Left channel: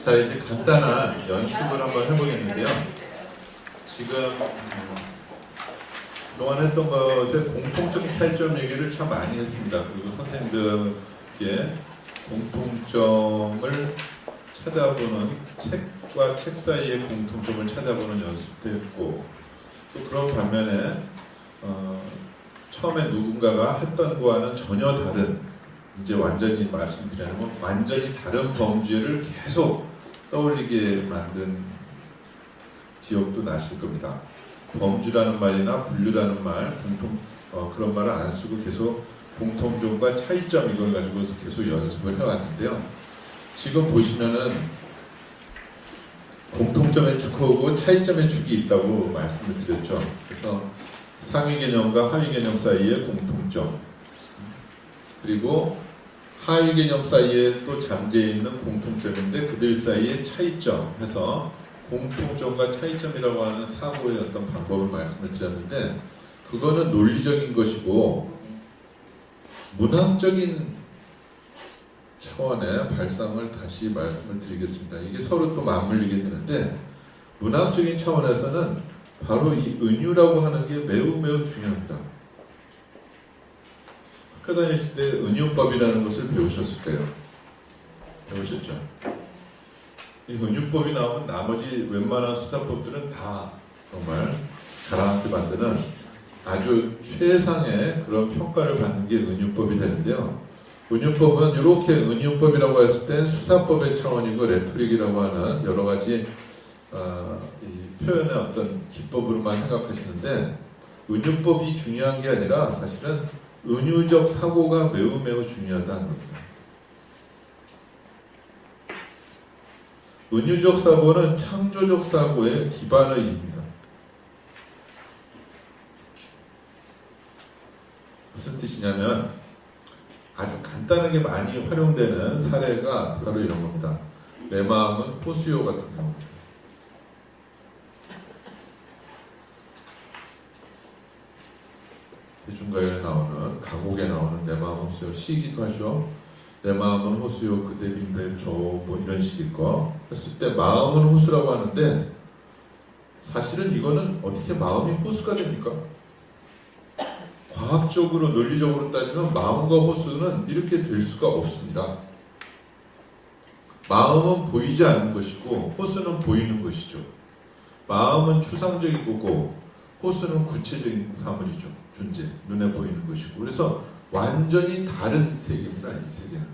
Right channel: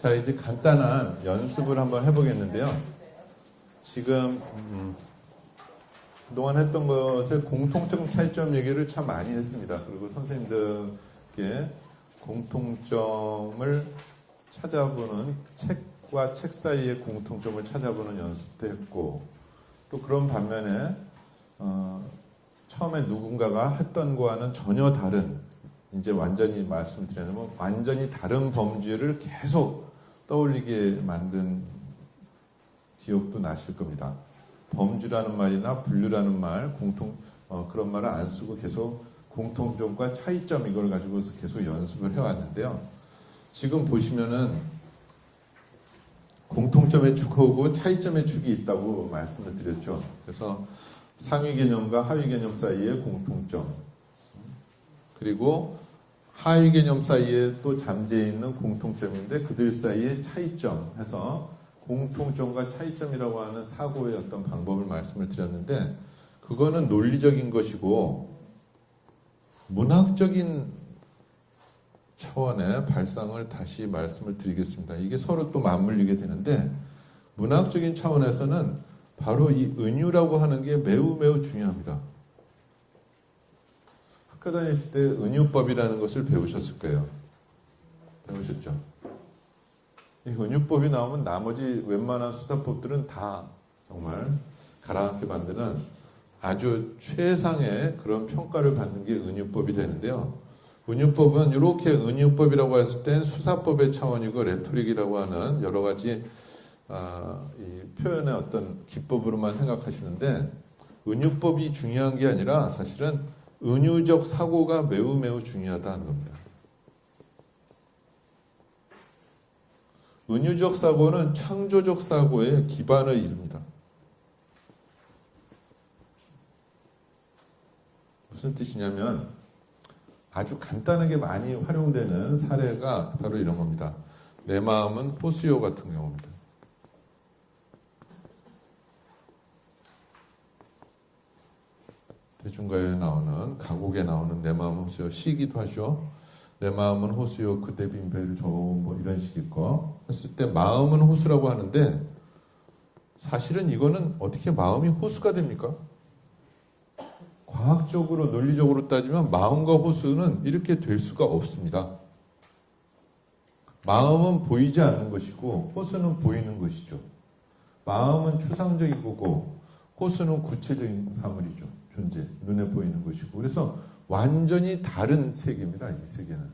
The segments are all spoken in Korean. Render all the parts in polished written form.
자, 이제 간단한 연습을 한번 해보겠는데요. 지금 그동안 했던 것에 공통적 차이점 얘기를 참 많이 했습니다. 그리고 선생님들께 공통점을 찾아보는 책과 책 사이의 공통점을 찾아보는 연습도 했고, 또 그런 반면에 처음에 누군가가 했던 거와는 전혀 다른, 이제 완전히 말씀드리면 완전히 다른 범죄를 계속 떠올리게 만든 기억도 나실 겁니다. 범주라는 말이나 분류라는 말, 그런 말을 안 쓰고 계속 공통점과 차이점 이걸 가지고 계속 연습을 해왔는데요. 지금 보시면은 공통점의 축하고 차이점의 축이 있다고 말씀을 드렸죠. 그래서 상위 개념과 하위 개념 사이의 공통점, 그리고 하위 개념 사이에 또 잠재해 있는 공통점인데 그들 사이의 차이점 해서 공통점과 차이점이라고 하는 사고의 어떤 방법을 말씀을 드렸는데, 그거는 논리적인 것이고 문학적인 차원의 발상을 다시 말씀을 드리겠습니다. 이게 서로 또 맞물리게 되는데, 문학적인 차원에서는 바로 이 은유라고 하는 게 매우 매우 중요합니다. 학교 다니실 때 은유법이라는 것을 배우셨을 거예요. 배우셨죠? 이 은유법이 나오면 나머지 웬만한 수사법들은 다 정말 가랑하게 만드는 아주 최상의 그런 평가를 받는 게 은유법이 되는데요. 은유법은 이렇게 은유법이라고 했을 때 수사법의 차원이고 레토릭이라고 하는 여러 가지 이 표현의 어떤 기법으로만 생각하시는데, 은유법이 중요한 게 아니라 사실은 은유적 사고가 매우 매우 중요하다는 겁니다. 은유적 사고는 창조적 사고의 기반을 이룹니다. 무슨 뜻이냐면 아주 간단하게 많이 활용되는 사례가 바로 이런 겁니다. 내 마음은 호수요 같은 경우입니다. 대중가요에 나오는, 가곡에 나오는 내 마음은 호수요, 시기도 하죠. 내 마음은 호수요 그대 빈바임 좋은 뭐 이런 식일 거 했을 때 마음은 호수라고 하는데, 사실은 이거는 어떻게 마음이 호수가 됩니까? 과학적으로 논리적으로 따지면 마음과 호수는 이렇게 될 수가 없습니다. 마음은 보이지 않는 것이고 호수는 보이는 것이죠. 마음은 추상적이고 호수는 구체적인 사물이죠. 존재, 눈에 보이는 것이고. 그래서 완전히 다른 세계입니다. 이 세계는.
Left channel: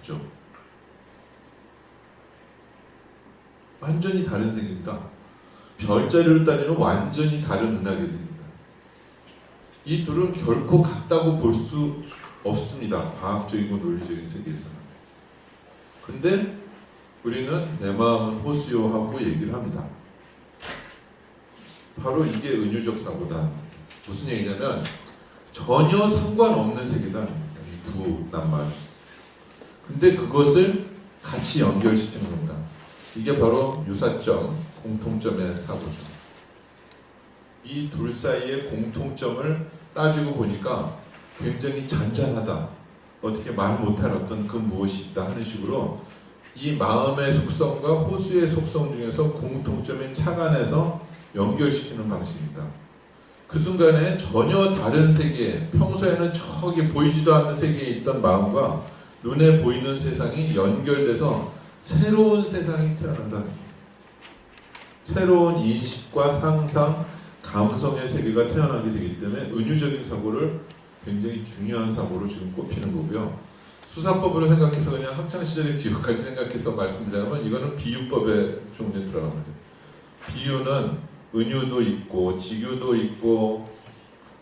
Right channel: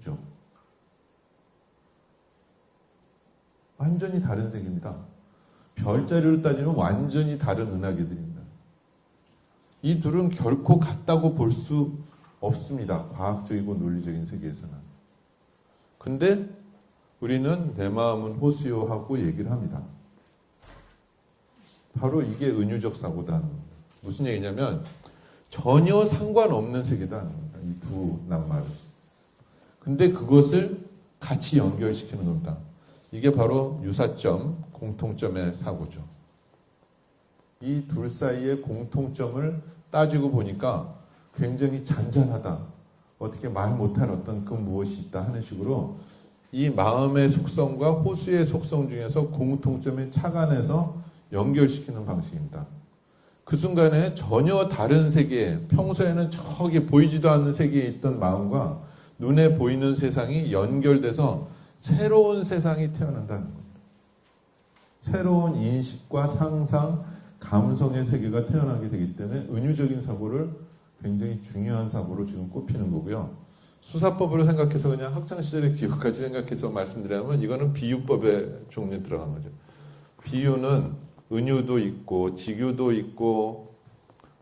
그렇죠? 완전히 다른 세계입니다. 별자리를 따지면 완전히 다른 은하계들입니다. 이 둘은 결코 같다고 볼 수 없습니다. 과학적이고 논리적인 세계에서는. 근데 우리는 내 마음은 호수요 하고 얘기를 합니다. 바로 이게 은유적 사고다. 무슨 얘기냐면 전혀 상관없는 세계다. 이 두 낱말. 근데 그것을 같이 연결시키는 겁니다. 이게 바로 유사점, 공통점의 사고죠. 이 둘 사이의 공통점을 따지고 보니까 굉장히 잔잔하다. 어떻게 말 못할 어떤 그 무엇이 있다 하는 식으로 이 마음의 속성과 호수의 속성 중에서 공통점을 착안해서 연결시키는 방식입니다. 그 순간에 전혀 다른 세계, 평소에는 저기 보이지도 않는 세계에 있던 마음과 눈에 보이는 세상이 연결돼서 새로운 세상이 태어난다. 새로운 인식과 상상, 감성의 세계가 태어나게 되기 때문에 은유적인 사고를 굉장히 중요한 사고로 지금 꼽히는 거고요. 수사법을 생각해서 그냥 학창시절의 기억까지 생각해서 말씀드리자면 이거는 비유법의 종류에 들어갑니다. 비유는 은유도 있고 직유도 있고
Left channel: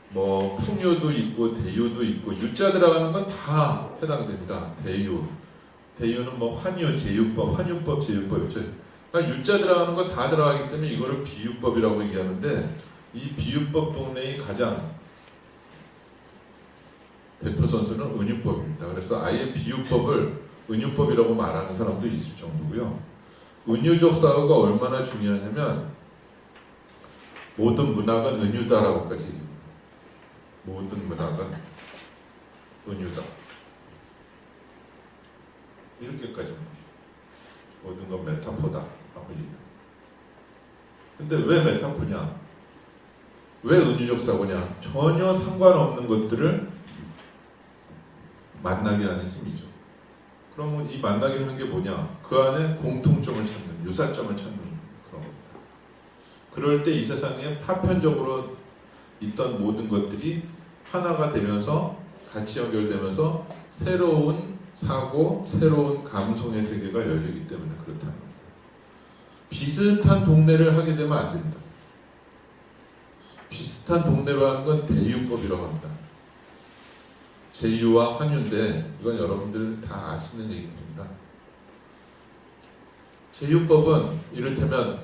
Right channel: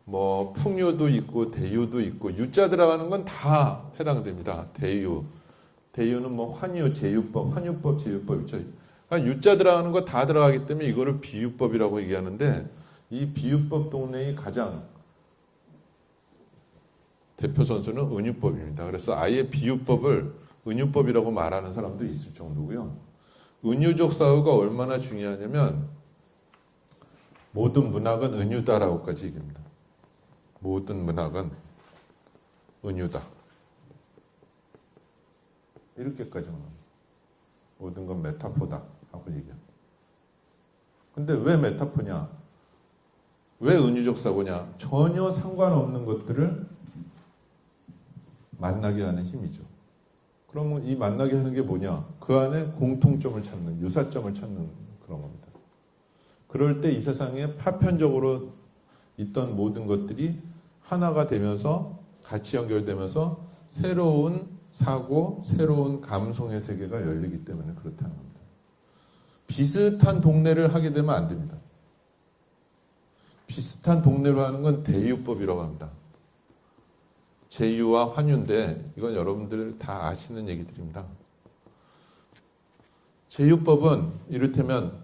뭐 풍유도 있고 대유도 있고 유자 들어가는 건 다 해당됩니다. 대유는 뭐 환유, 제유법, 환유법, 제유법 있죠. 그러니까 유자 들어가는 거 다 들어가기 때문에 이거를 비유법이라고 얘기하는데, 이 비유법 동네의 가장 대표 선수는 은유법입니다. 그래서 아예 비유법을 은유법이라고 말하는 사람도 있을 정도고요. 은유적 사고가 얼마나 중요하냐면 모든 문학은 은유다라고까지 얘기합니다. 모든 문학은 은유다. 이렇게까지. 건 메타포다 하고 얘기해요. 근데 왜 메타포냐? 왜 은유적 사고냐? 전혀 상관없는 것들을 만나게 하는 힘이죠. 그러면 이 만나게 하는 게 뭐냐? 그 안에 공통점을 찾는, 유사점을 찾는 그런 겁니다. 그럴 때 이 세상에 파편적으로 있던 모든 것들이 하나가 되면서 같이 연결되면서 새로운 사고, 새로운 감성의 세계가 열리기 때문에 그렇다는 겁니다. 비슷한 동네를 하게 되면 안 됩니다. 비슷한 동네로 하는 건 대유법이라고 합니다. 제유와 환유인데 이건 여러분들 다 아시는 얘기들입니다. 제유법은 이를테면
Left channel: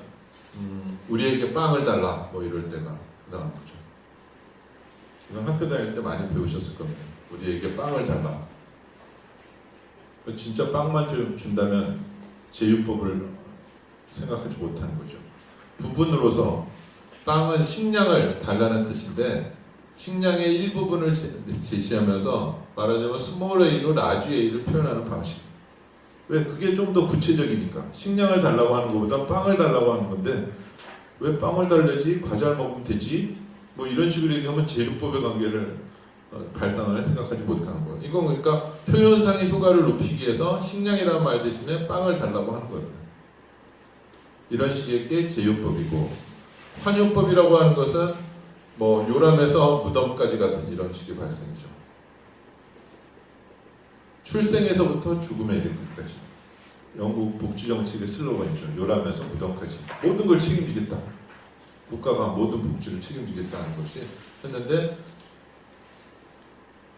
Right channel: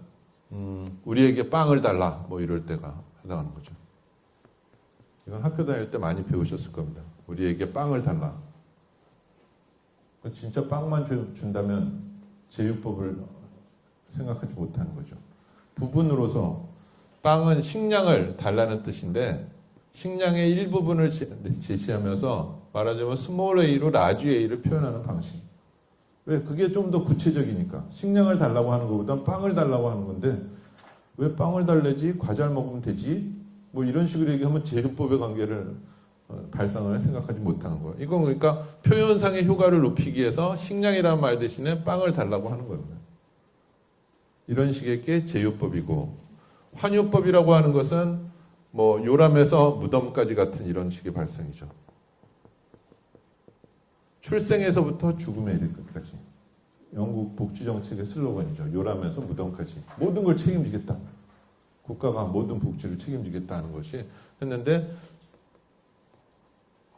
우리에게 빵을 달라 뭐 이럴 때가 나온 거죠. 이건 학교 다닐 때 많이 배우셨을 겁니다. 우리에게 빵을 달라. 진짜 빵만 준다면 제유법을 생각하지 못하는 거죠. 부분으로서 빵은 식량을 달라는 뜻인데 식량의 일부분을 제시하면서 말하자면 스몰 a로 라지 a를 표현하는 방식. 왜? 그게 좀 더 구체적이니까. 식량을 달라고 하는 것보다 빵을 달라고 하는 건데 왜 빵을 달래지? 과자를 먹으면 되지? 뭐 이런 식으로 얘기하면 제휴법의 관계를 발상을 생각하지 못하는 거예요. 이건 그러니까 표현상의 효과를 높이기 위해서 식량이라는 말 대신에 빵을 달라고 하는 거예요. 이런 식의 게 제휴법이고 환유법이라고 하는 것은 뭐 요람에서 무덤까지 같은 이런 식의 발상이죠. 출생에서부터 죽음에 이르기까지. 영국 복지정책의 슬로건이죠. 요람에서 무덤까지. 모든 걸 책임지겠다. 국가가 모든 복지를 책임지겠다는 것이 했는데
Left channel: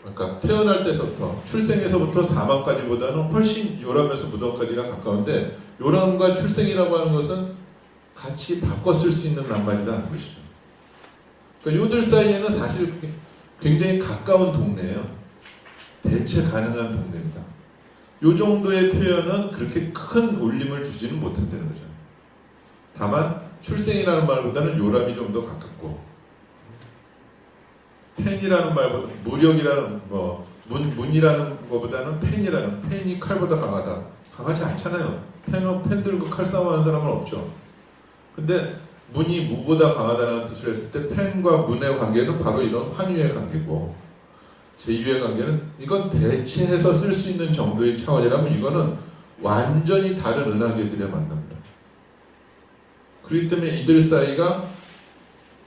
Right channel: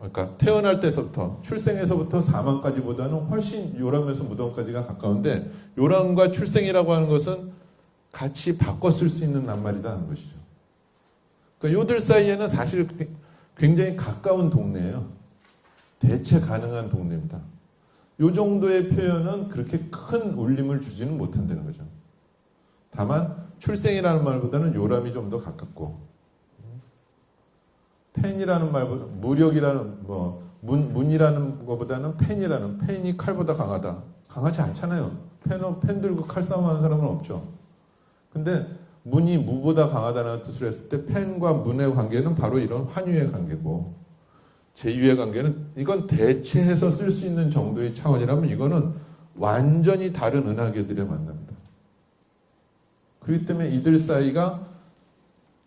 그러니까 태어날 때부터 출생에서부터 사망까지보다는 훨씬 요람에서 무덤까지가 가까운데 요람과 출생이라고 하는 것은 같이 바꿔 쓸 수 있는 낱말이라는 것이죠. 그러니까 요들 사이에는 사실 굉장히 가까운 동네예요. 대체 가능한 동네입니다. 요 정도의 표현은 그렇게 큰 울림을 주지는 못한다는 거죠. 다만 출생이라는 말보다는 요람이 좀 더 가깝고 펜이라는 말보다 무력이라는 문이라는 것보다는 펜이라는 펜이 칼보다 강하다. 강하지 않잖아요. 펜 들고 칼싸움하는 사람은 없죠. 근데 문이 무보다 강하다는 뜻을 했을 때 펜과 문의 관계는 바로 이런 환유의 관계고 제유의 관계는 이건 대체해서 쓸 수 있는 정도의 차원이라면 이거는 완전히 다른 은하계들의 만납니다. 그렇기 때문에 이들 사이가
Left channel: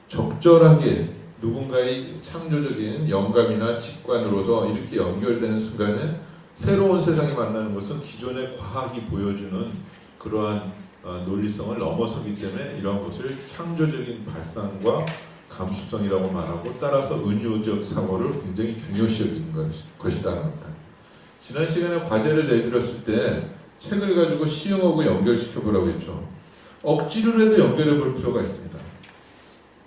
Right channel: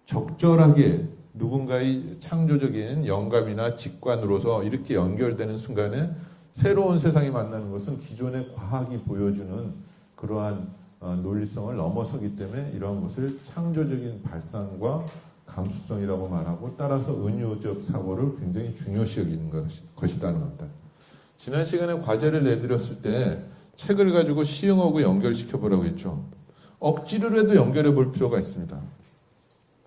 적절하게 누군가의 창조적인 영감이나 직관으로서 이렇게 연결되는 순간에 새로운 세상이 만나는 것은 기존의 과학이 보여주는 그러한 논리성을 넘어서기 때문에 이런 것을 창조적인 발상과 감수성이라고 말하고 따라서 은유적 사고를 굉장히 중요시 여기는 것이라는 겁니다. 지난 시간에 과제를 내드렸을 때 책을 가지고 시형하고 연결시켜 보라고 했죠. 억지로라도 연결해 볼 필요가 있습니다.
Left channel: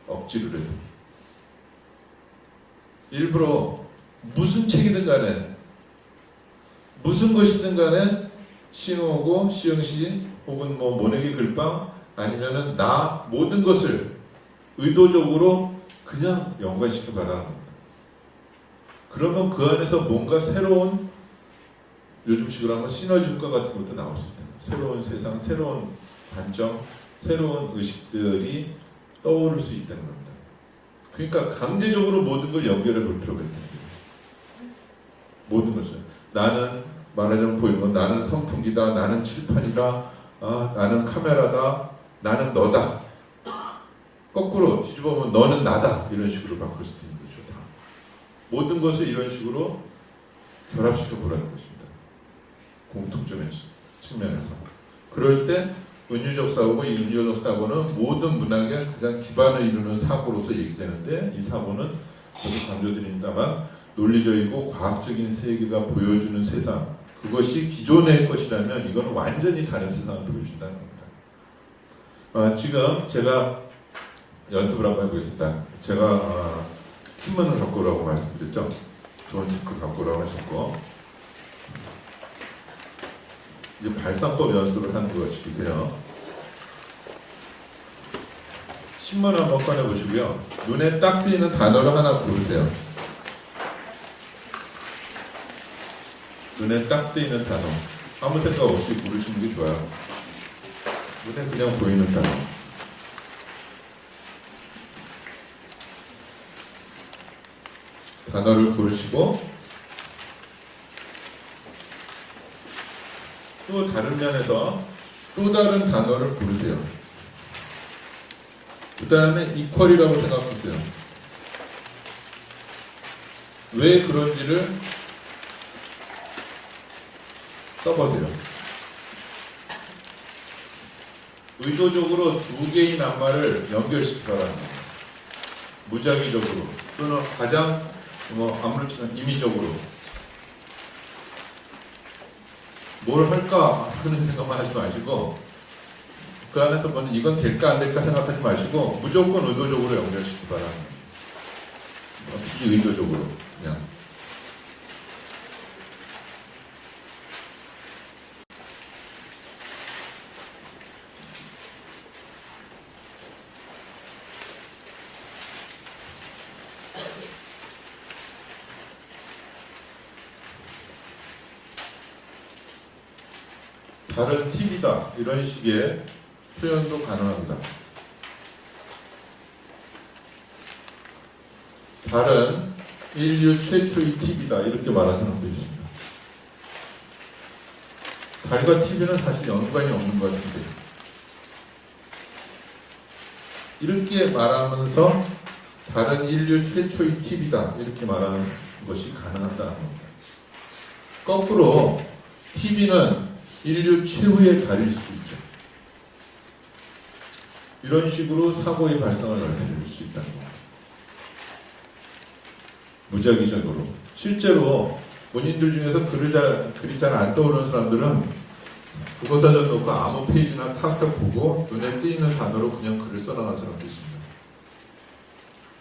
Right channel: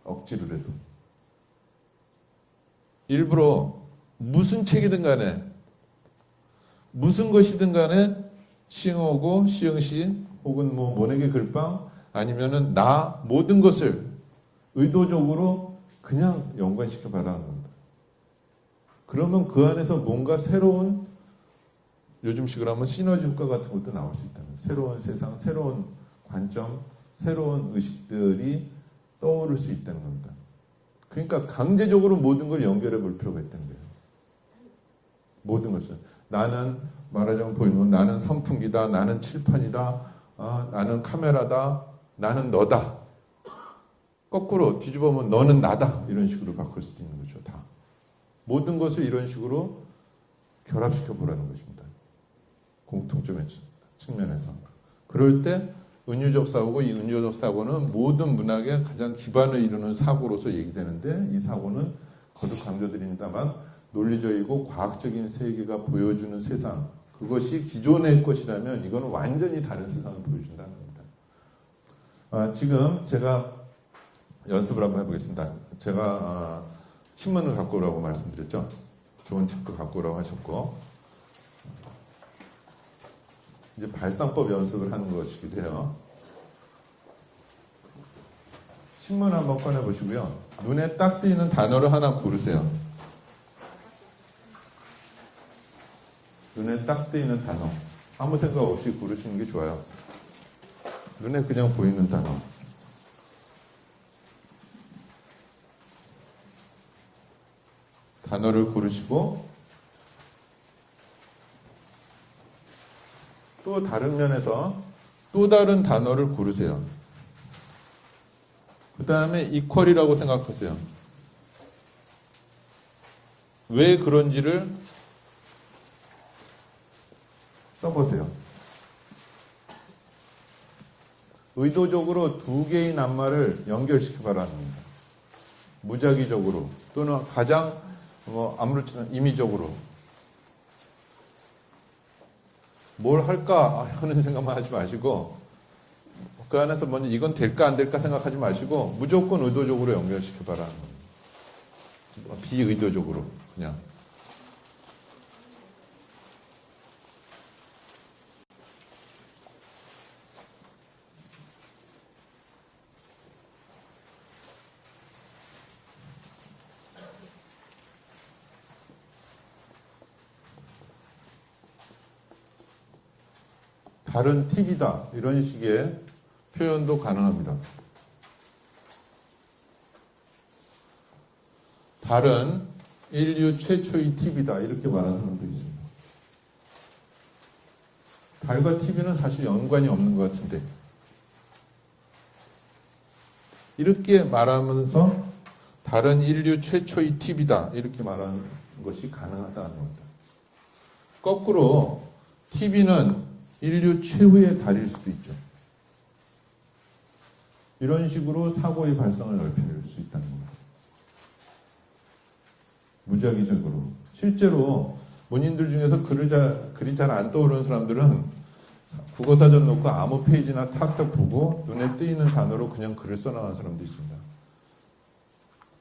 억지로라도. 일부러 무슨 책이든 간에 무슨 것이든 간에 시형하고 시형시 혹은 뭐 모내기 글방 아니면은 나 모든 것을 의도적으로 그냥 연관시켜 바라는 겁니다. 그러면 그 안에서 뭔가 새로운 요즘식으로 하면 시너지 효과 같은 것도 나올 수 있다. 새로운 세상, 새로운 관점, 새로운 의식들이 떠오를 수 있다는 겁니다. 그러니까 강제적으로 모든 걸 연결해 볼 필요가 있다는 거예요. 모든 것을. 나는 말하자면 보이면 나는 선풍기다, 나는 칠판이다, 나는 카메라다, 나는 너다. 거꾸로 뒤집어 보면 너는 나다. 이런 식으로 바꿀 수도 있는 거죠. 다. 모든 것을 이런 식으로 결합시켜 보라는 것입니다. 공통점의 측면에서. 그럴 때 은유적 사고고 이 은유적 사고는 모든 문학의 가장 기반을 이루는 사고로서 얘기되는데 이 사고는 저도 강조드립니다만 논리적이고 과학적인 세계가 보여주는 세상 그것이 기존의 것이라면 이건 완전히 다른 세상을 보여준다는 겁니다. 지금 제가 연습을 한번 해보겠습니다. 제가 신문을 갖고 오라고 말씀드렸죠. 좋은 책도 갖고 오라고 하셨고 이제 발상법 연습을 하는 것이기도 해요. 신문 한번 꺼내보시고요. 눈에 딱 띄는 단어를 하나 고르세요. 눈에 딱 띄는 단어. 아무 생각 없이 고르시는 게 좋아요. 눈에 그냥 보이는 단어. 단어를 고르시고 또 다른 면에서 또 다른 단어를 고르세요. 그 다음에 이퀄이라고 생각하세요. 왜 그런지를 써보세요. 의도적으로 두 개의 낱말을 연결시켜라는 거예요. 무작위적으로 또는 가장 아무렇지나 임의적으로 뭘 할까 그런 생각만 하지 마시고 그 안에서 먼저 이건 될까 안 될까 생각하지 마시고 무조건 의도적으로 연결시켜라는 거예요. 비의도적으로 그냥. 다른 팁이다 이런 식의 표현도 가능합니다. 다른 인류 최초의 TV다 이렇게 말하는 사람도 있습니다. 달과 TV는 사실 연관이 없는 것 같은데 이렇게 말하면서 다른 인류 최초의 TV다 이렇게 말하는 것이 가능하다는 겁니다. 거꾸로 TV는 인류 최후의 달일 수도 있죠. 이런 식으로 사고의 발생을 알려줄 수 있다는 겁니다. 무작위적으로. 실제로 본인들 중에서 글이 잘 안 떠오르는 사람들은 국어사전 놓고 아무 페이지나 탁탁 보고 눈에 띄는 단어로 그냥 글을 써나가는 사람도 있습니다.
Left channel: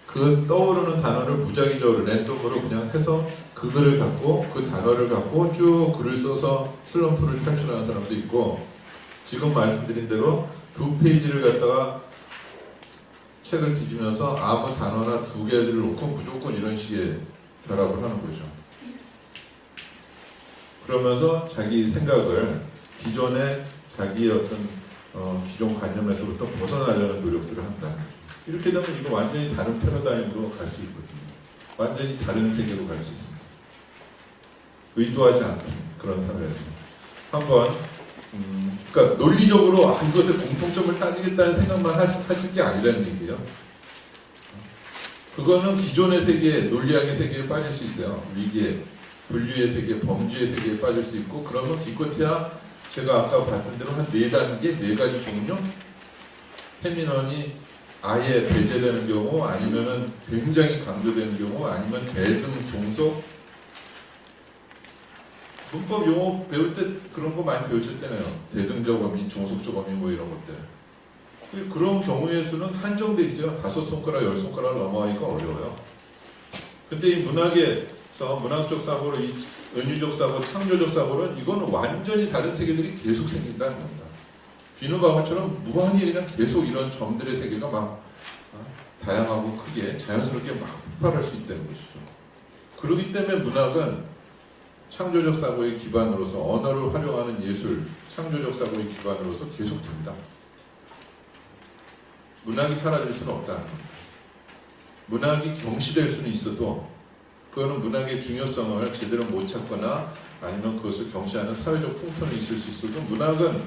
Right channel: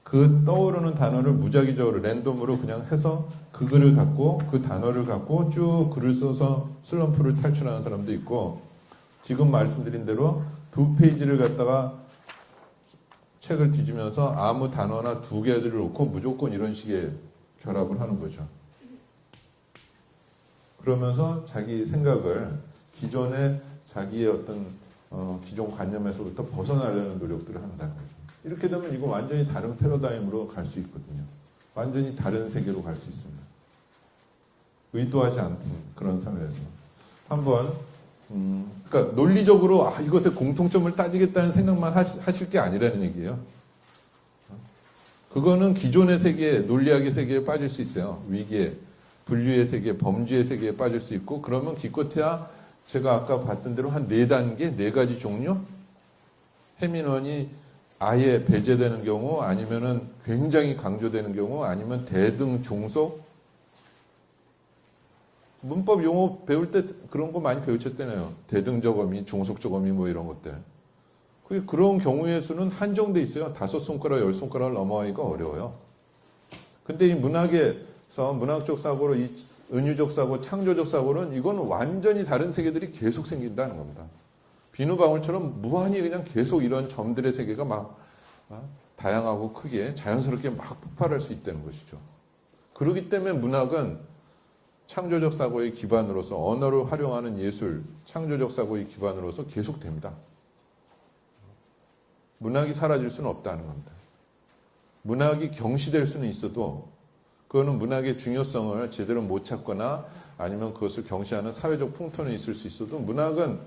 그 떠오르는 단어를 무작위적으로 랜덤으로 그냥 해서 그 글을 갖고 그 단어를 갖고 쭉 글을 써서 슬럼프를 탈출하는 사람도 있고 지금 말씀드린 대로 두 페이지를 갖다가 책을 뒤지면서 아무 단어나 두 개를 놓고 무조건 이런 식의 결합을 하는 거죠. 그러면서 자기 생각을 기존의 자기의 어떤 기존 관념에서부터 벗어나려는 노력들을 한다는 거죠. 이렇게 되면 이거 완전히 다른 패러다임으로 갈 수 있거든요. 완전히 다른 세계로 갈 수 있습니다. 의도하지 않는 그런 사회에서 한번 그러니까 논리적으로 이것의 공통점을 따지겠다는 생각만 하실 게 아니라는 얘기예요. 그거는 기존의 세계, 논리학의 세계에 빠질 수 있어요. 위계, 분류의 세계, 범죄의 세계에 빠질 수 있고 그러면 기껏해야 제가 아까 봤던 대로 한 4단계, 4가지 종류 페미넌이 아예 배제되는 경우 아니면은 굉장히 강조되는 경우 아니면 대등, 종속 문법 용어 배울 때 그런 거 많이 배우실 때네요. 대등적 어미, 종속적 어미 뭐 이런 것들. 그런 경우의 수는 한정돼 있어요. 5손가락, 10손가락을 넘어가기가 어려워요. 근데 이 문학에서 문학적 사고로 이 은유적 사고, 창조적 사고는 이건 완전히 다른 세계들이 계속 생긴다는 겁니다. 비누방울처럼 무한히 그냥 계속 이런 점들의 세계가 막 다양하고 크게 자연스럽게 막 폭발할 수 있다는 것이죠. 그렇기 때문에 문학은 창조적 사고의 기반으로서 언어를 활용하는 예술, 창조적 사고의 기반으로서 계속됩니다. 문학이 사라질 수는 없다는 겁니다. 문학이 경시될 수는 있어도 그거는 문학의 중요성을 제대로 못 찾거나 아니면 그것을 경시하는 사회적 풍토는 있을 수 있어도 문학은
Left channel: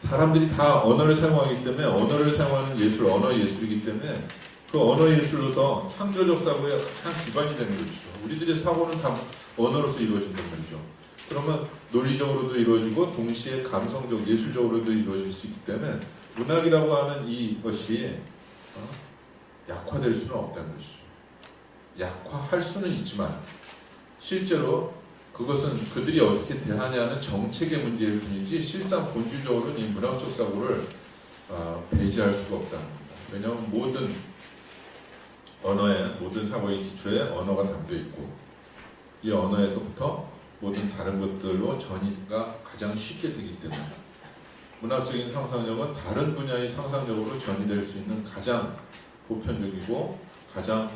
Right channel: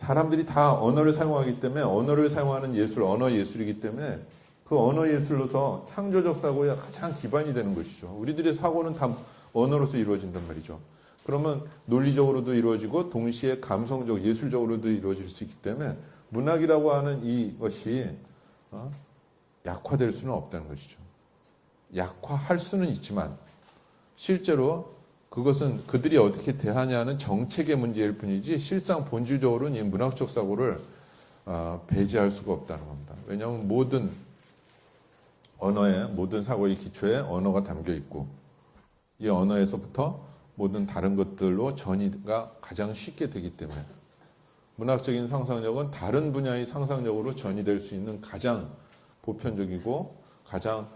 사람들이 다 언어를 사용하기 때문에 언어를 사용하는 예술, 언어 예술이기 때문에 그 언어 예술로서 창조적 사고의 가장 기반이 되는 것이죠. 우리들의 사고는 다 언어로서 이루어진다는 거죠. 그러면 논리적으로도 이루어지고 동시에 감성적, 예술적으로도 이루어질 수 있기 때문에 문학이라고 하는 이것이 약화될 수는 없다는 것이죠. 약화할 수는 있지만 실제로 그것은 그들이 어떻게 대하냐는 정책의 문제일 뿐이지 실상 본질적으로는 이 문학적 사고를 배제할 수가 없다는 겁니다. 왜냐하면 모든 언어의 모든 사고의 기초에 언어가 담겨 있고 이 언어에서부터 모든 다른 것들로 전이가 가장 쉽게 되기 때문에 문학적인 상상력은 다른 분야의 상상력으로 전이될 수 있는 가장 보편적이고 가장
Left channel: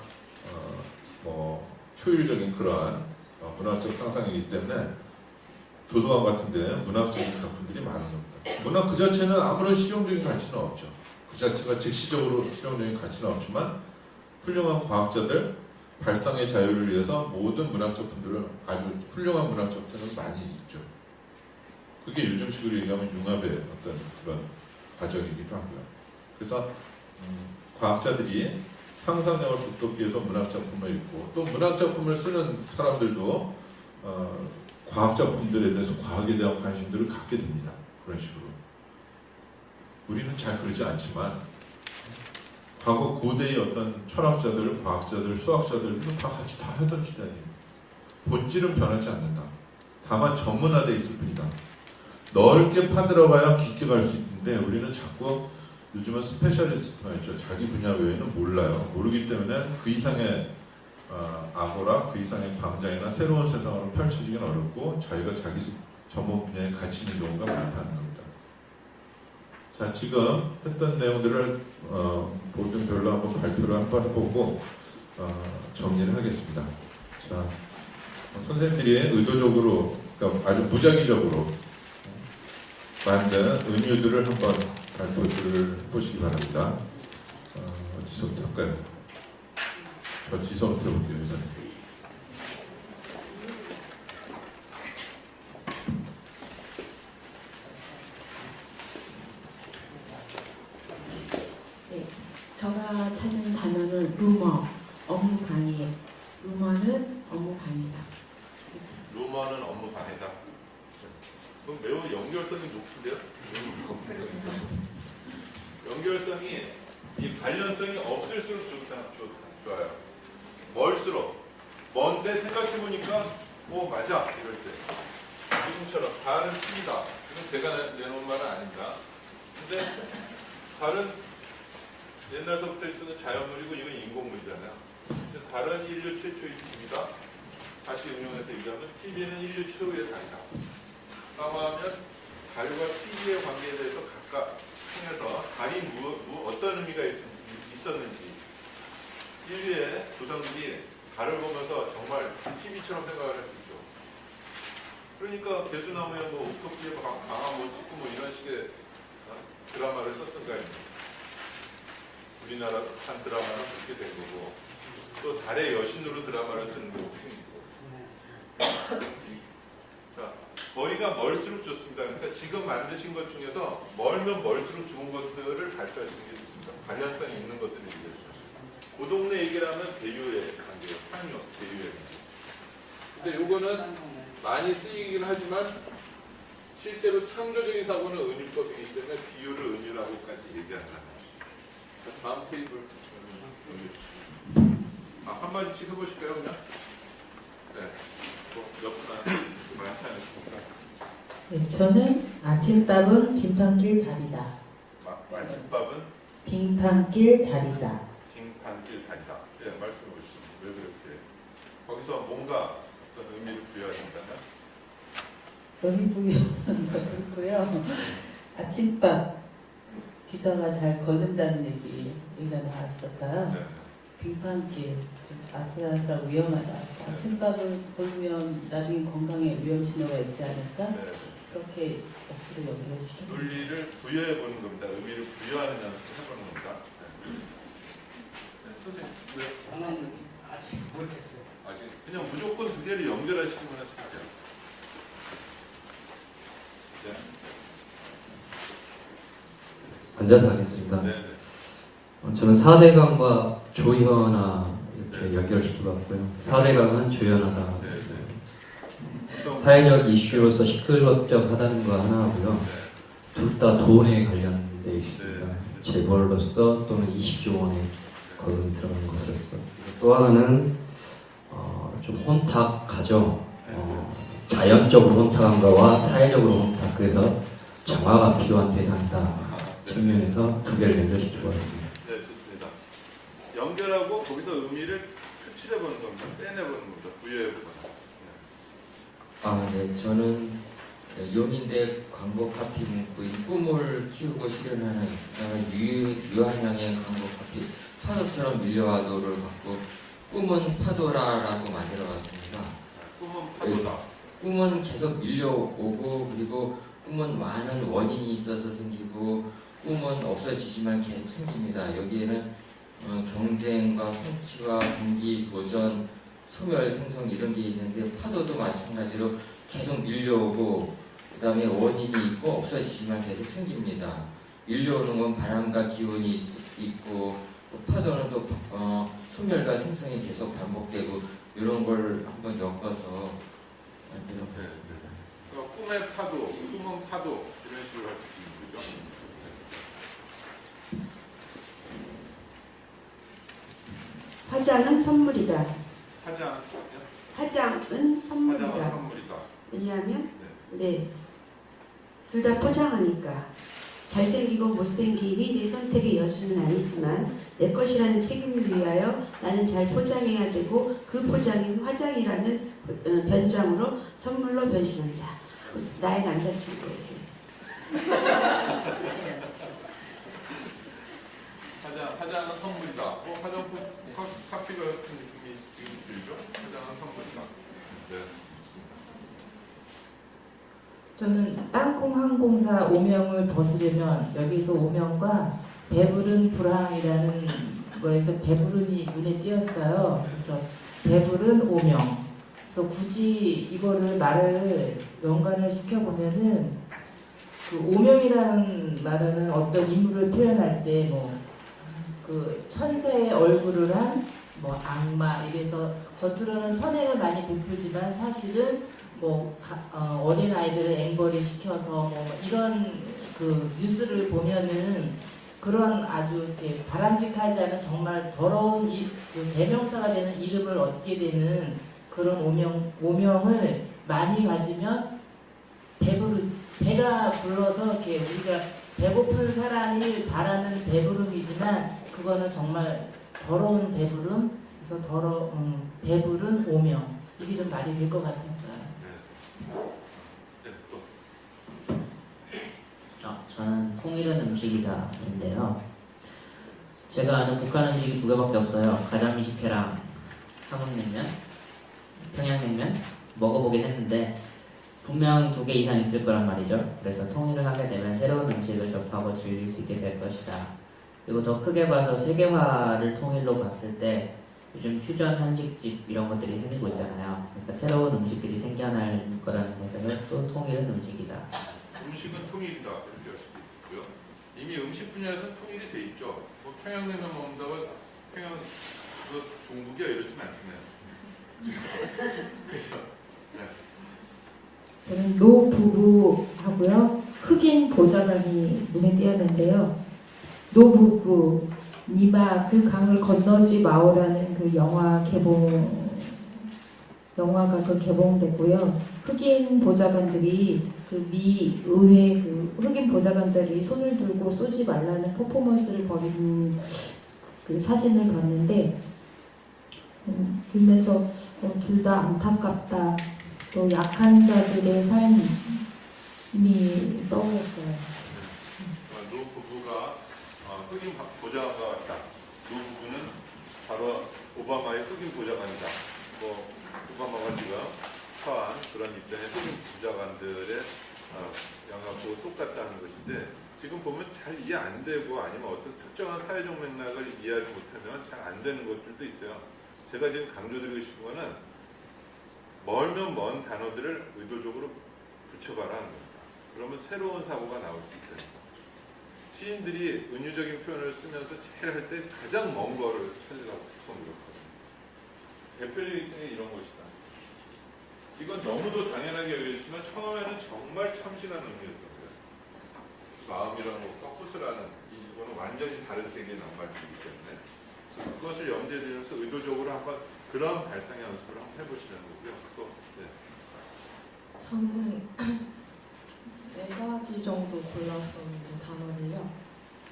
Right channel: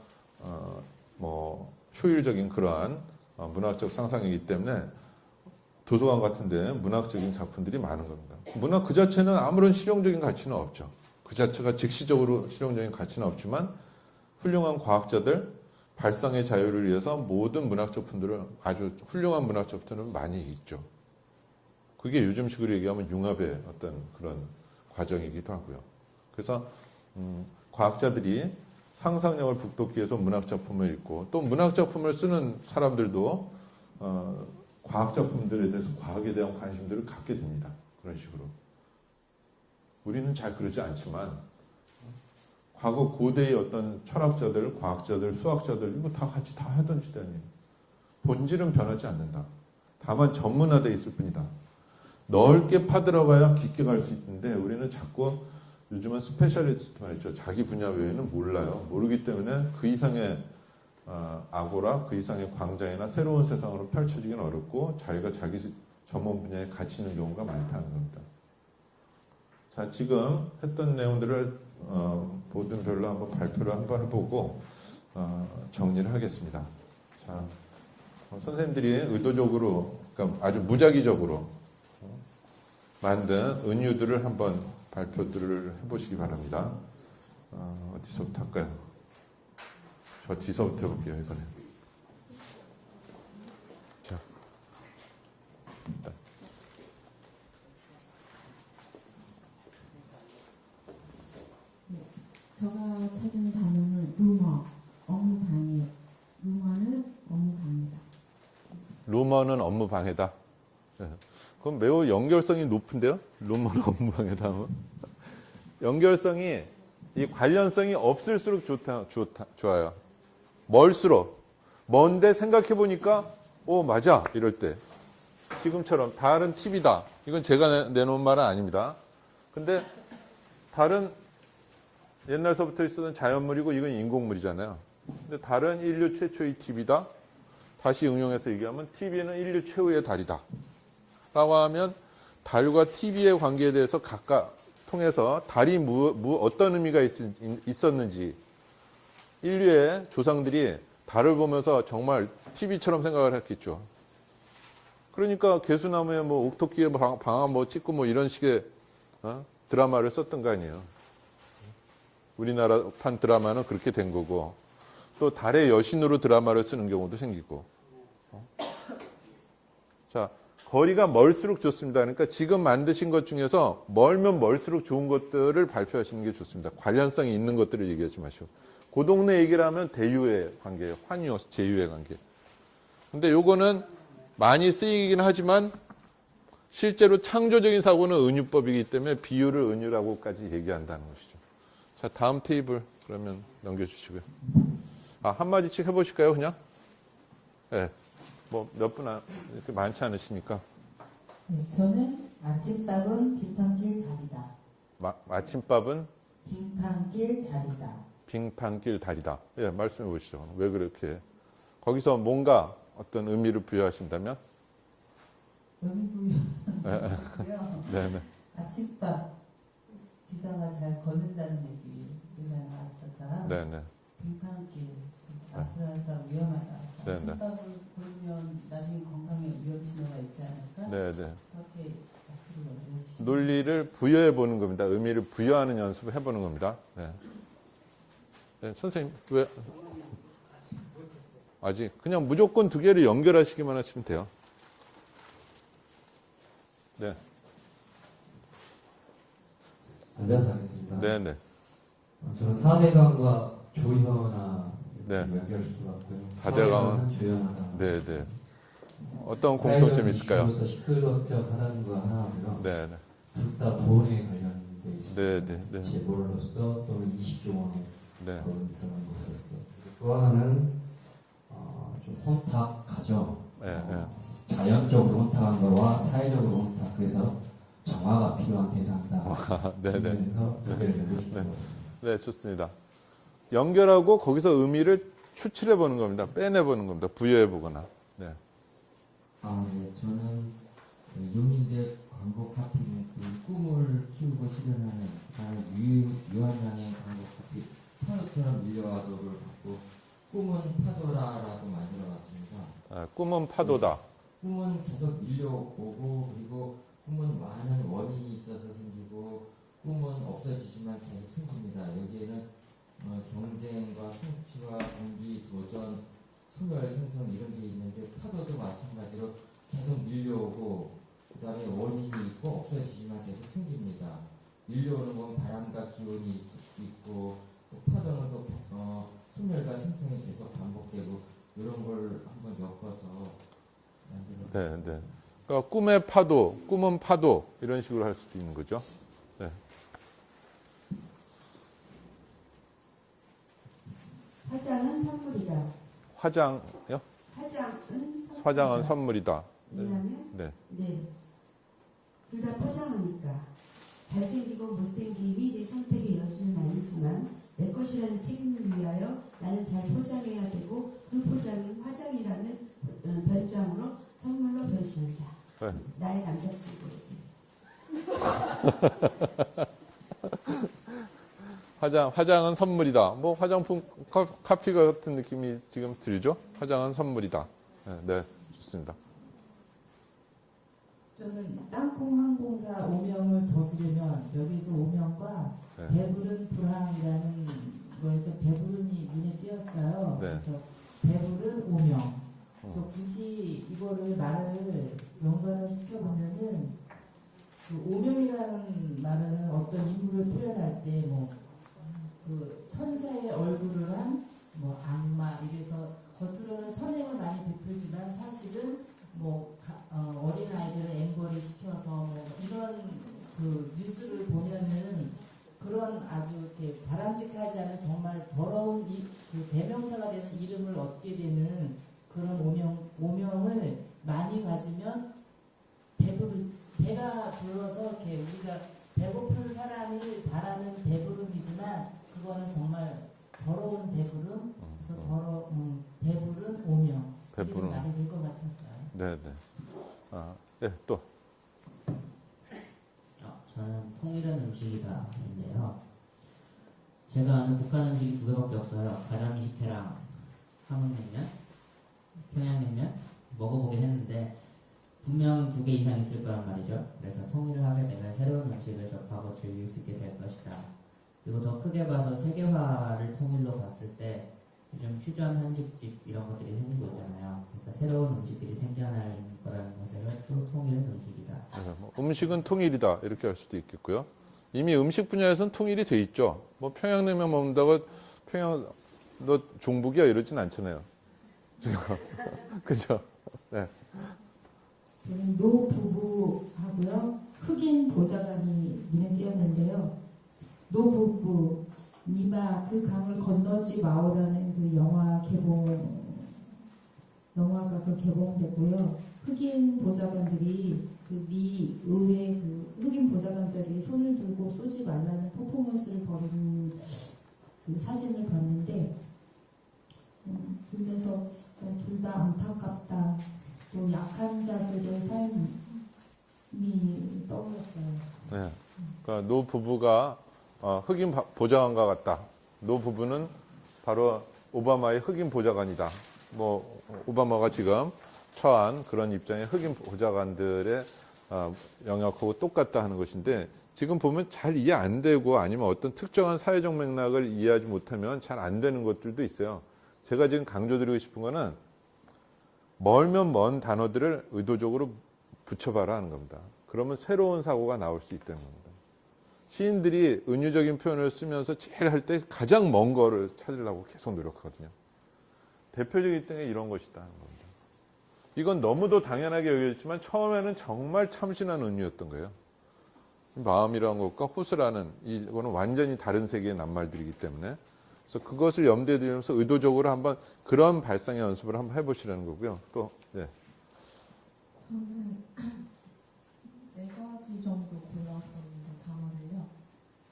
효율적인 그러한 문학적 상상이기 때문에 도서관 같은데 문학적인 작품들이 많은 겁니다. 문학 그 자체는 아무런 실용적인 가치는 없죠. 그 자체가 즉시적으로 실용적인 가치는 없지만 훌륭한 과학자들 발상의 자유를 위해서 모든 문학 작품들은 아주 훌륭한 문학 작품들은 많이 있죠. 그게 요즘식으로 얘기하면 융합의 어떤 그런 과정이기도 하고요. 그래서 과학자들이 상상력을 돋돋게 해서 문학 작품을 읽고 또 문학 작품을 쓰는 사람들도 과학 작품들에 대해서 과학에 대한 관심들을 갖게 됩니다. 그런 식으로. 우리는 잘 그러지 않지만 과거 고대의 어떤 철학자들, 과학자들, 수학자들 이거 다 같이 다 하던 시대예요. 본질은 변하지 않는다. 다만 전문화되어 있을 뿐이다. 넓게 파들어봐야 깊게 갈 수 있는데 우리는 자꾸 요즘은 스페셜리스트가 있죠. 자기 분야 외에는 몰라요. 모르기 때문에 그 이상의 아고라, 그 이상의 광장이나 새로운 세상으로 펼쳐지긴 어렵고 자기가 자기 전문 분야에 갇히는 경우가 많다는 겁니다. 자, 지금 했던 내용들을 보든별로 한번 발표를 한번 해보고 정리를 하겠습니다. 자, 선생님들이 의도적으로, 그러니까 아주 무작위적으로 만든 은유들을 한번 발표를 해보시기 바랍니다. 어디서부터 할까요? 저 뒤서부터 해볼게요. 일단. 네, 제가 찾은 단어는 루머, 업무 방해. 루머는 업무 방해다. 루머는 업무 방해다. 네. 그럼 매우 연결성이 높은데요? 루머는 업무 방해다. 연결성이 이 관련성이 없을수록 좋아요. 멀수록 먼데 생각해 보니까 오 맞아 이럴 때 지금처럼 달은 TV다. 이건 제가 내놓은 말은 아닙니다. 근데 달은 옛날서부터 쓰는 자연물이고 이건 인공물이잖아요. 근데 달은 인류 최초의 TV다. 다시 응용해서 얘기하면 TV는 인류 최후의 달이다. 라고 하면 달과 TV의 관계에 대해서 각각 통해서 달이 어떤 의미가 있었는지 인류의 조상들이 달을 보면서 정말 TV처럼 생각을 했겠죠. 그러니까 개수나무에 뭐 옥토끼에 방아 뭐 찍고 뭐 이런 식의 드라마를 썼던 거 아니에요. 우리나라 판 드라마는 그렇게 된 거고 또 달의 여신으로 드라마를 쓰는 경우도 생기고. 자, 거리가 멀수록 좋습니다. 그러니까 지금 만드신 것 중에서 멀면 멀수록 좋은 것들을 발표하시는 게 좋습니다. 관련성이 있는 것들을 얘기하지 마시고. 그 동네 얘기를 하면 대유의 관계예요. 환유, 제유의 관계. 근데 요거는 많이 쓰이긴 하지만 실제로 창조적인 사고는 은유법이기 때문에 비유를 은유라고까지 얘기한다는 것이죠. 자, 다음 테이블 그러면 넘겨주시고요. 한마디씩 해보실까요, 그냥? 네. 뭐 몇 분 이렇게 많지 않으시니까. 네, 저는 아침밥은 빙판길 다리다. 아침밥은 빙판길 다리다. 빙판길 다리다. 예, 말씀해 보시죠. 왜 그렇게? 거기서 뭔가 어떤 의미를 부여하신다면? 의미 부여는 그렇고요. 네. 아침밥 기사가 잘 걸른다는 얘기가 나왔어서요. 네, 네. 빙판길 좀 아슬아슬하고 위험하다. 네, 아침밥을 걸으면 나중에 건강에 위험 신호가 있지 않을까? 네, 네. 그렇게 억지로 연결시키는. 논리를 부여해 보는 겁니다. 의미를 부여하는 연습을 해보는 겁니다. 네. 네, 선생님 왜? 아직 못했어요. 아직 그냥 무조건 두 개를 연결하시기만 하시면 돼요. 네, 앉아서 하겠습니다. 네, 네. 저는 4대강과 조현아 이렇게 네. 연결시키고 왔고요. 가장- 4대강은 조현하다. 네, 네. 어떤 사회적 공통점이 있을까요? 이슈로서 시끌벅적하다는 거 하나 하고요. 네, 둘 다 돈에 관련돼 있습니다. 네, 네. 재벌로서 또는 20조 원의 네. 거금이 들어간 것으로서. 또 하나는 좀 혼탁하죠. 네, 자연적으로 혼탁한 거와 사회적으로 혼탁. 그래서 정화가 필요한 대상이다. 네, 네. 측면에서 두 개를 연결시키고 왔습니다. 네, 좋습니다. 연결하고 거기서 의미를 추출해 보는 겁니다. 빼내 보는 겁니다. 부여해 보거나. 네. 네, 저는 용인대 광고 카피 문구인 꿈을 키우고 실현하는 그다음에 유한양의 광고 카피 파도처럼 밀려와도를 갖고 꿈은 파도라라고 만들어봤습니다. 꿈은 파도다. 꿈은 계속 밀려오고 그리고 꿈은 많은 원인이 있어서 생기고 꿈은 없어지지만 계속 생깁니다. 여기에는 경쟁과 성취와 동기, 도전, 소멸, 생성 이런 게 있는데 파도도 마찬가지로 계속 밀려오고 그 다음에 원인이 있고 없어지지만 계속 생깁니다. 밀려오는 건 바람과 기운이 있고 또 파도는 또 소멸과 생성이 계속 반복되고 이런 걸 한번 엮어서 만들어봤습니다. 네. 그러니까 꿈의 파도, 꿈은 파도 이런 식으로 할 수 있는 거죠. 네. 화장은 선물이다. 화장요? 화장은 선물이다. 화장은 선물이다. 왜냐하면 네. 둘 다 포장하니까 잘생기고 못생김이 내 선택의 여지는 아니지만 내 것이라는 책임을 위하여 나는 잘 포장해야 되고 그 포장인 화장이라는 변장으로 선물로 변신한다. 네. 나의 남자친구에게. 화장은 선물이다. 뭐 화장품 카피가 같은 느낌이 지금 들죠? 화장은 선물이다. 네, 좋습니다. 저는 땅콩 항공사 오명을 벗으려면 여기서 오명과 배부른 불황이라는 거에서 배부른이 눈에 띄었어요. 네. 그래서 배부른 오명. 그래서 굳이 이거를 말을 연관을 시켜보면은 그 오명이라는 말은 어떤 인물을 표현할 때 뭐 그 천사의 얼굴을 한 뭐 악마 이래서 겉으로는 선행을 많이 베풀지만 사실은 뭐 어린 아이들을 앵벌이 시켜서 뭐 이런 그 뉴스를 보면은 그런 아주 이렇게 바람직하지 않은 정말 더러운 그 대명사가 되는 이름을 얻게 되는 그런 오명을 많이 가지면 배가 불러서 이렇게 우리가 배고픈 사람이 바라는 배부름이지만 그거는 정말 더러운 배부름, 그래서 배부른 오명. 이게 좀 말이 될 것 같았어요. 네. 네, 또. 저는 통일은 음식이다인데요. 제가 아는 북한 음식이 두 개밖에 없어요. 가자미식회랑 함흥냉면, 평양냉면 먹어보긴 했는데 분명 두 개 이상 있을 거란 말이죠. 그래서 통일을 하게 되면 새로운 음식을 접하고 즐길 수 있게 될 것이다. 그리고 더 크게 봐서 세계화를 통일로 봤을 때 요즘 퓨전 한식집 이런 것들이 생기고 있잖아요. 그러니까 새로운 음식들이 생겨날 거라는 것에서 또 통일은 음식이다. 음식은 통일이다 이렇게 할 수도 있겠고요. 이미 음식 분야에서는 통일이 돼 있죠. 뭐 평양냉면 먹는다고 평양 너 종북이야 이러진 않잖아요. 그죠? 네. 저는 노부부하고요. 흑인 보좌관이 눈에 띄었는데요. 노부부, 니마 그 강을 건너지 마오라는 그 영화가 개봉됐고요. 흑인 보좌관들이 그 미 의회 그 흑인 보좌관들이 손을 들고 쏘지 말라는 퍼포먼스를 벌인 그 사진을 봤는데 보면서 둘 다 안타깝다. 또 약한 자들의 삶이 떠올랐어요. 네. 그러니까 노 부부가 흑인 보좌관과 같다. 노 부부는 바로 오바마의 흑인 보좌관이다. 뭐 오바마가 지금 처한 그런 입장의 흑인 보좌관들의 영역하고 똑같다 하는 것인데 지금 보면 잘 이해 안 되고 아니면 어떤 특정한 사회적 맥락을 이해하지 못하면 잘 안 되는 것들도 있어요. 제가 지금 강조드리고 싶은 거는 멀면 먼 단어들을 의도적으로 붙여봐라 하는 겁니다. 그러면 새로운 사고가 나올 수 있다는 겁니다. 시인들이 은유적인 표현을 쓰면서 제일 할 때 가장 먼 거를 찾으려고 계속 노력하거든요. 대표적인 때는 이런 것이다. 이건 너무도 당연하게 여겨졌지만 처음에는 정말 참신한 의미였던 거예요. 마음이라는 것과 호수라는 이거는 완전히 다른 세계의 낱말들이기 때문에 그래서 그것을 염두에 두면서 의도적으로 한번 그런 발상의 연습을 한번 해보시라는 거고요. 또 네. 저는 4가지 정도 골랐었는데 단어를요.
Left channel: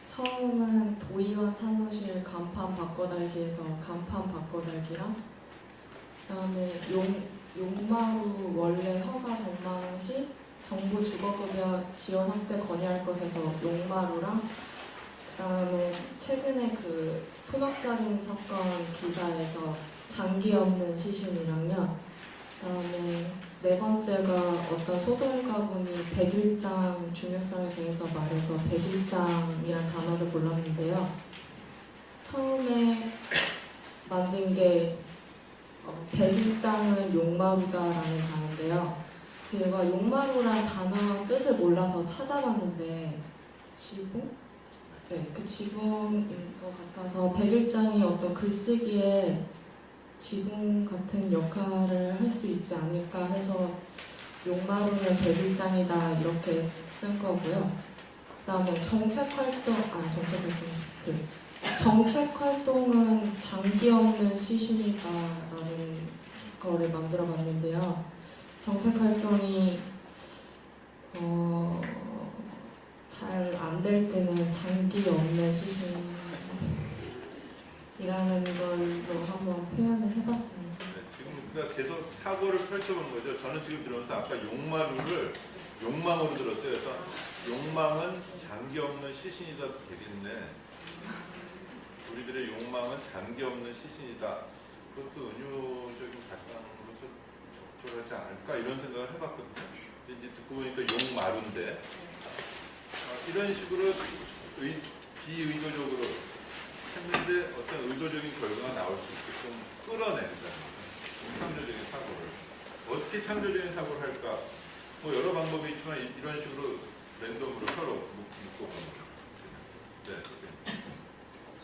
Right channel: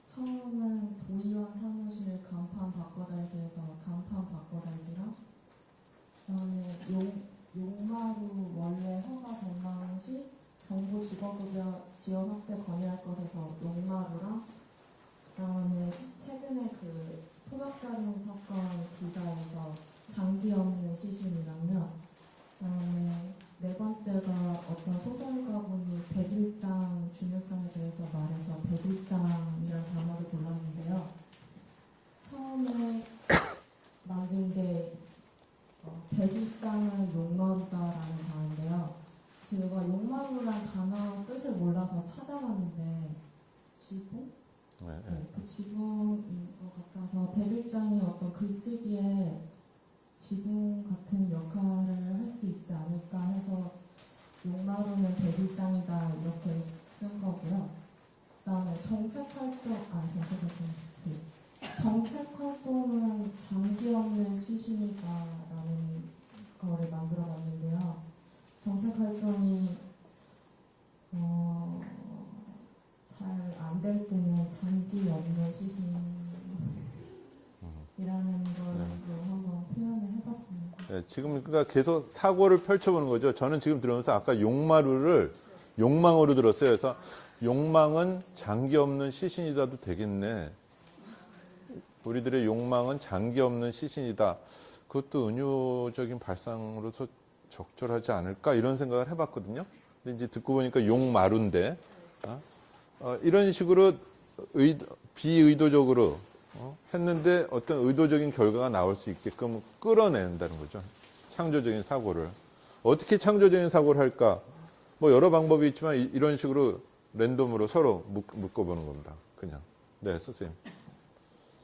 처음은 도의원 사무실 간판 바꿔달기에서 간판 바꿔달기랑 그다음에 용마루 원래 허가 정망시 정부 주거급여 지원 확대 건의할 것에서 용마루랑 그다음에 최근에 그 토막살인 사건 기사에서 장기 없는 시신이랑요. 그다음에 네 번째가 어떤 소설가분이 백일장 중요성에 대해서 말해서 백일장이란 단어를 골랐는데요. 처음에 만든 게 백일장은 용마루다라는 단어인데요. 제가 용마루란 단어 뜻을 몰라서 찾아봤는데 지붕? 네, 그 지붕인 것 같아서 백일장이 어떤 글쓰기에 지붕 같은 역할을 할 수 있지 않을까 해서 용마루는 백일장이다 이렇게 쓴 거고요. 그다음에 정책 활동은 장기 없는 시신이다라는 거를 만들어 봤는데요. 정책 활동이 잘 안 될 때는 장기 없는 시신이라는 걸로 한번 표현을 해봤습니다. 네, 지금 그러니까 계속 사고를 펼쳐보는 거죠. 저는 지금 들으면서 아까 용마루를 욕망으로 들었어요. 그래서 욕망은 장기 없는 시신이다도 되겠네. 우리들의 욕망은 장기 없는 시신이다. 그것도 은유적인 발상으로서 적절하지 않을까 이런 생각을 해봤거든요. 근데 이제 듣고 보니까 용마루인데 이런 식으로 비의도적으로 했는데 어떤 의도적인 결과가 나올 수 있게끔 끌어낸다는 거죠. 창조적인 사고를. 어떻게 창조적인 사고를 할까? 뭐 여러 방법이 있지만 이런 식으로 랜덤으로 서로 묶어보는 겁니다. 그냥. 네, 선생님.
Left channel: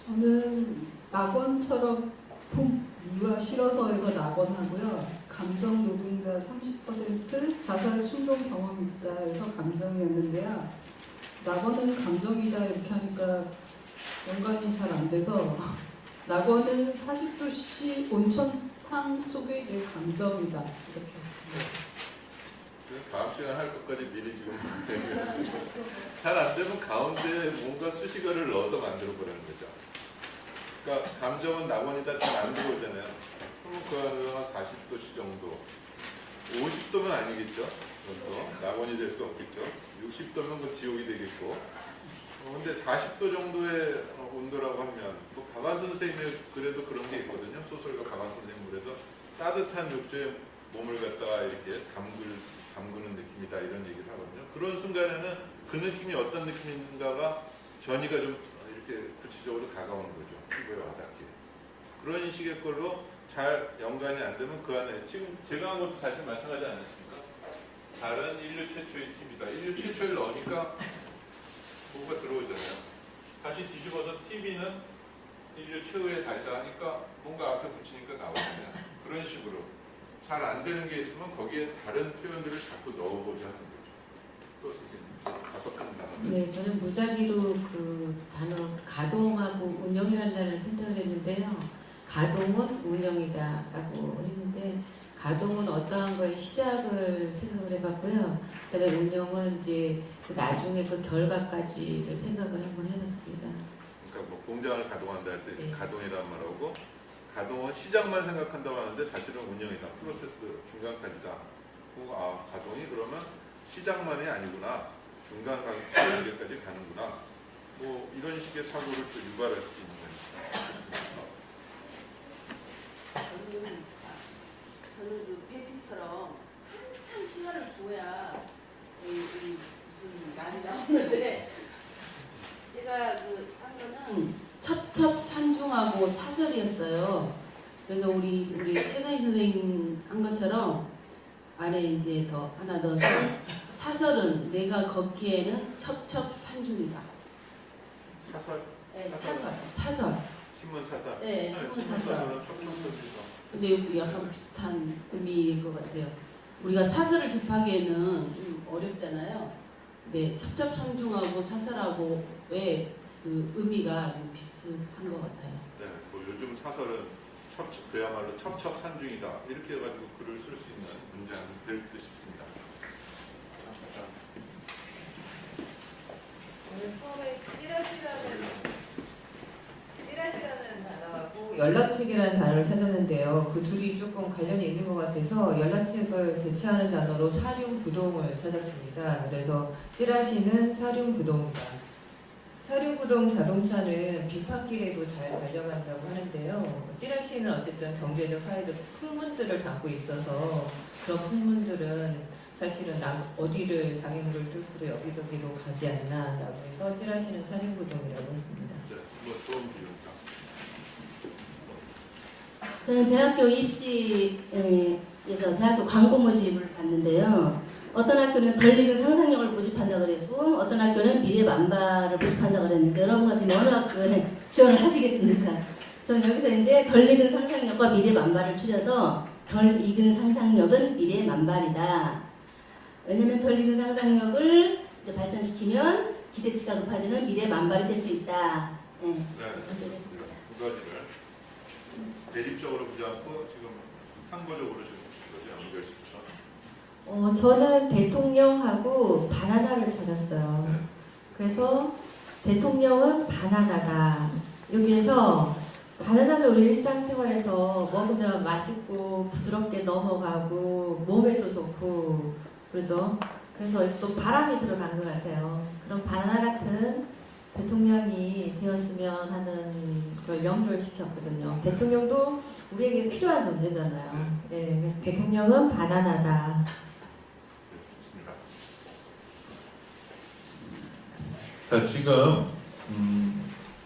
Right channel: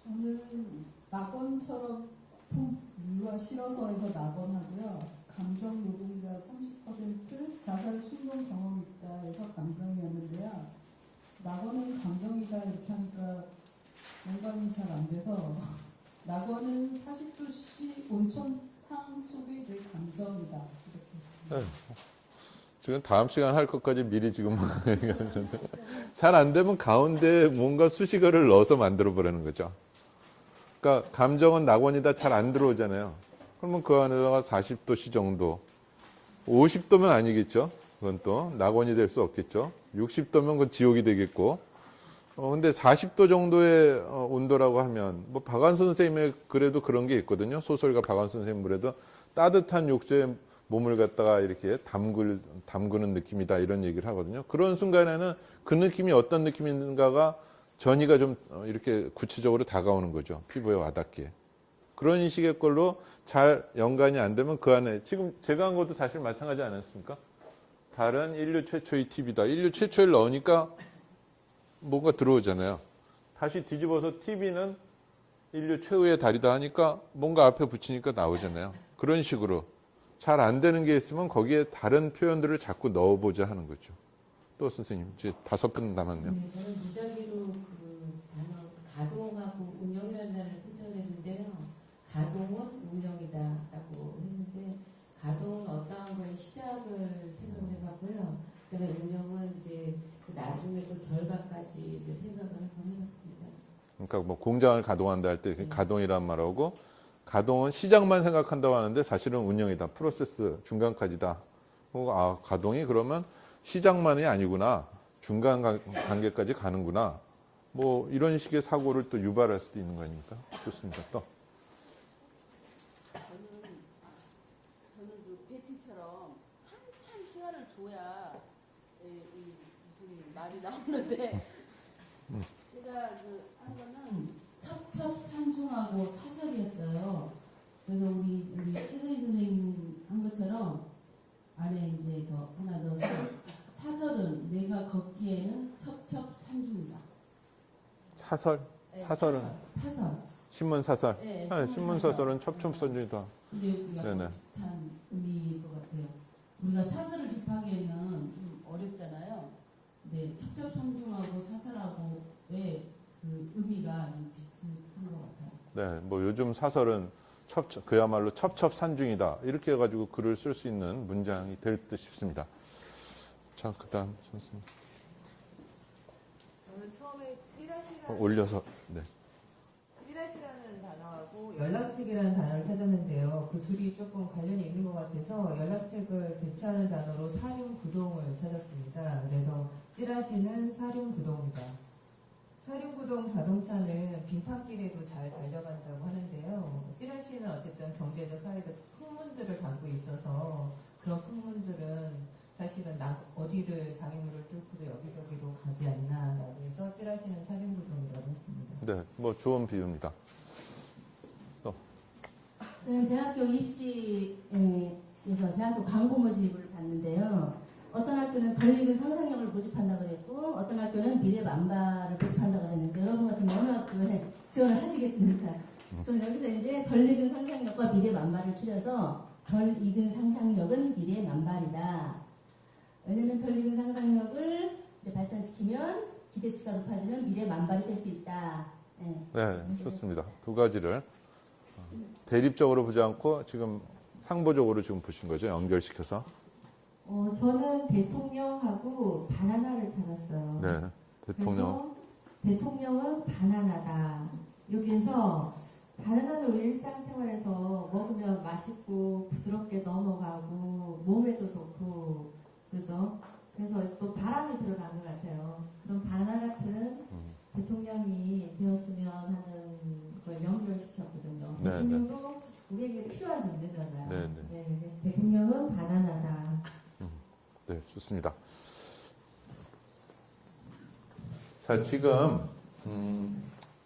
저는 낙원처럼 미와 실어서에서 낙원하고요. 감정 노동자 30% 자살 충동 경험이 있다 해서 감정이었는데요. 낙원은 감정이다 이렇게 하니까 연관이 잘 안 돼서 낙원은 40도씨 온천탕 속의 내 감정이다 이렇게 했습니다. 네. 지금 다음 시간 할 것까지 미리 지금 잘 안 되면 가운데 뭔가 수식어를 넣어서 만들어 보라는 거죠. 그러니까 감정은 낙원이다 잘 안 들어오잖아요. 그러면 그 안에다가 40도씨 정도 50도면 아니겠죠. 그건 또 낙원이 될 수 없겠죠. 60도면 그건 지옥이 되겠고 근데 40도 정도의 온도라고 하면 뭐 박완순 선생님의 그래도 그런 게 있거든요. 소설가 박완순 선생님 그래도 따뜻한 욕조에 몸을 갖다가 이렇게 담그는 느낌이다 이런 얘기를 하거든요. 그런 순간에는 그 느낌이 어떤 느낌인가가 전이가 좀 이렇게 구체적으로 다가오는 거죠. 피부에 와닿게. 그런 식의 걸로 잘 연관이 안 되면 그 안에 지금 제가 한 것도 사실 마찬가지 아니었습니까? 달은 인류 최초의 TV다. 인류 최초를 넣으니까 뭔가 들어오잖아요. 다시 뒤집어서 TV는 인류 최후의 달이다 하니까 뭔가 앞에 붙이니까 나오잖아요. 그런 식으로 잘 안 되는 게 있으면 거기에 다른 표현들을 자꾸 넣어보자 하는 거죠. 또 선생님 이제 5분 남았는데. 네, 저는 무작위로 그 단어 가동하고 운영이라는 단어를 선택을 했는데요. 가동은 운영이다라고 했는데 가동은 어떠한 거의 시작을 생각을 해봤고요. 그다음에 운영은 이제 나중에 그 결과까지를 생각을 한번 해봤습니다. 그러니까 뭐 공장을 가동한다 할 때 네. 가동이란 말하고 가동은 시작만 생각한다고 하는데 사실은 운영이다. 프로세스 중간까지다. 가동이 그러면 시작만이 아니구나. 중간 단계까지 가는구나. 뭐 이런 식의 사고를 또 유발할 수도 있는 거니까. 좋습니다. 또. 저는 그 패티처럼 한참 시간을 줘야 무슨 말이 나오는데 제가 그 한 거는 첩첩산중하고 사설이었어요. 그래서 우리 최선희 선생님 한 것처럼 안에 이제 더 하나 넣어서 사설은 내가 걷기에는 첩첩산중이다. 사설? 네, 사설은? 사설. 신문 사설? 네, 신문 신문 사설은 첩첩선에서. 근데 약간 네. 비슷한 의미일 것 같아요. 우리가 사설을 접하기에는 좀 어렵잖아요. 네, 첩첩산중하고 사설하고의 그 의미가 좀 비슷한 것 같아요. 네, 뭐 요즘 사설은 그야말로 첩첩산중이다. 이렇게 해가지고 글을 쓸 수 있는 문장이 될 듯 싶습니다. 자, 그 다음. 처음에 찌라시라는 올려서. 찌라시라는 단어하고 연락책이라는 단어를 찾았는데요. 그 둘이 조금 관련이 있는 것 같아서 연락책을 대체하는 단어로 사륜구동을 찾았습니다. 그래서 찌라시는 사륜구동이다. 사륜구동 자동차는 빙판길에도 잘 달려간다고 하는데요. 찌라시는 어쨌든 경제적, 사회적 풍문들을 담고 있어서 그런 풍문들은 사실은 어디를 장애물을 뚫고도 여기저기로 가지 않나라고 해서 찌라시는 살인구동이라고 했습니다. 네, 뭐 좋은 비유입니다. 저는 대학교 입시에서 대학교 광고 모집을 봤는데요. 어떤 학교는 덜 익은 상상력을 모집한다 그랬고 어떤 학교는 미래 만발을 모집한다 그랬는데 여러분 같으면 어느 학교에 지원을 하시겠습니까? 저는 여기서 이제 덜 익은 상상력과 미래 만발을 줄여서 덜 익은 상상력은 미래 만발이다. 왜냐하면 덜 익은 상상력을 이제 발전시키면 기대치가 높아지면 미래 만발이 될 수 있다. 네. 네, 좋습니다. 두 가지를 대립적으로 보지 않고 지금 상보적으로 좀 보신 거죠, 연결시켜서. 저는 대통령하고 바나나를 찾았어요. 네, 그래서 대통령은 바나나다. 여기에서 바나나는 우리 일상생활에서 먹으면 맛있고 부드럽게 넘어가고 몸에도 좋고 그러죠. 그래서 또 바람이 들어간 것 같아요. 그런 바나나 같은 대통령이 되었으면 하는 걸 연결시켰거든요. 네. 대통령도 우리에게 필요한 존재잖아요. 네, 그래서 대통령은 바나나다. 네, 좋습니다. 자, 지금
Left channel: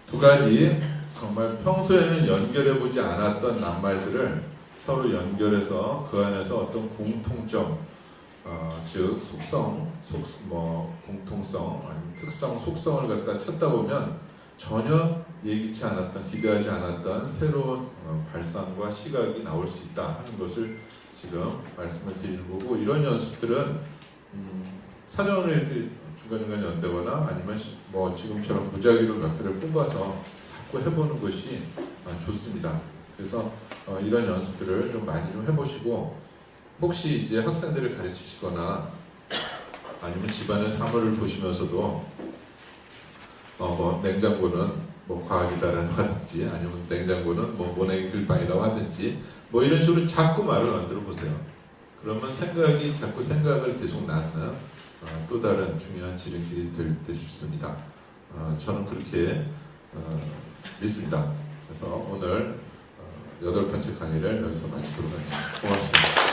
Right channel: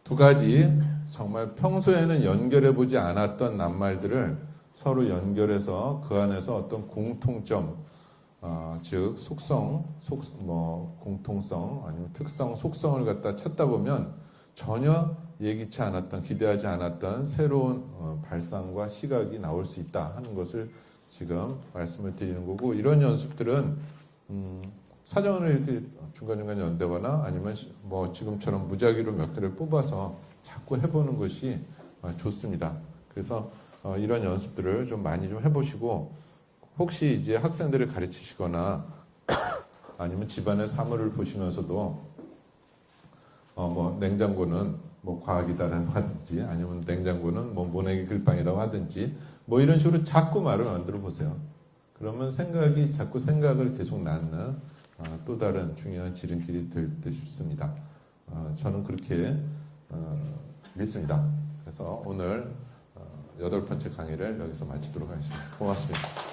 두 가지 정말 평소에는 연결해 보지 않았던 낱말들을 서로 연결해서 그 안에서 어떤 공통점, 즉 속성, 공통성, 아니면 특성, 속성을 갖다 찾다 보면 전혀 예기치 않았던, 기대하지 않았던 새로운 발상과 시각이 나올 수 있다 하는 것을 지금 말씀을 드리는 거고, 이런 연습들은 사전을 중간중간 연대거나 아니면 뭐 지금처럼 무작위로 몇 개를 뽑아서 자꾸 해보는 것이 좋습니다. 그래서 이런 연습들을 좀 많이 좀 해보시고, 혹시 이제 학생들을 가르치시거나 아니면 집안의 사물을 보시면서도 뭐 냉장고는 뭐 과학이다라고 하든지 아니면 냉장고는 뭐 모내기 글방이라고 하든지 뭐 이런 식으로 자꾸 말을 만들어 보세요. 그러면 생각이 자꾸 생각을 계속 낳는 또 다른 중요한 지름길이 될 듯 싶습니다. 저는 그렇게 믿습니다. 그래서 오늘 8번째 강의를 여기서 마치도록 하겠습니다. 고맙습니다.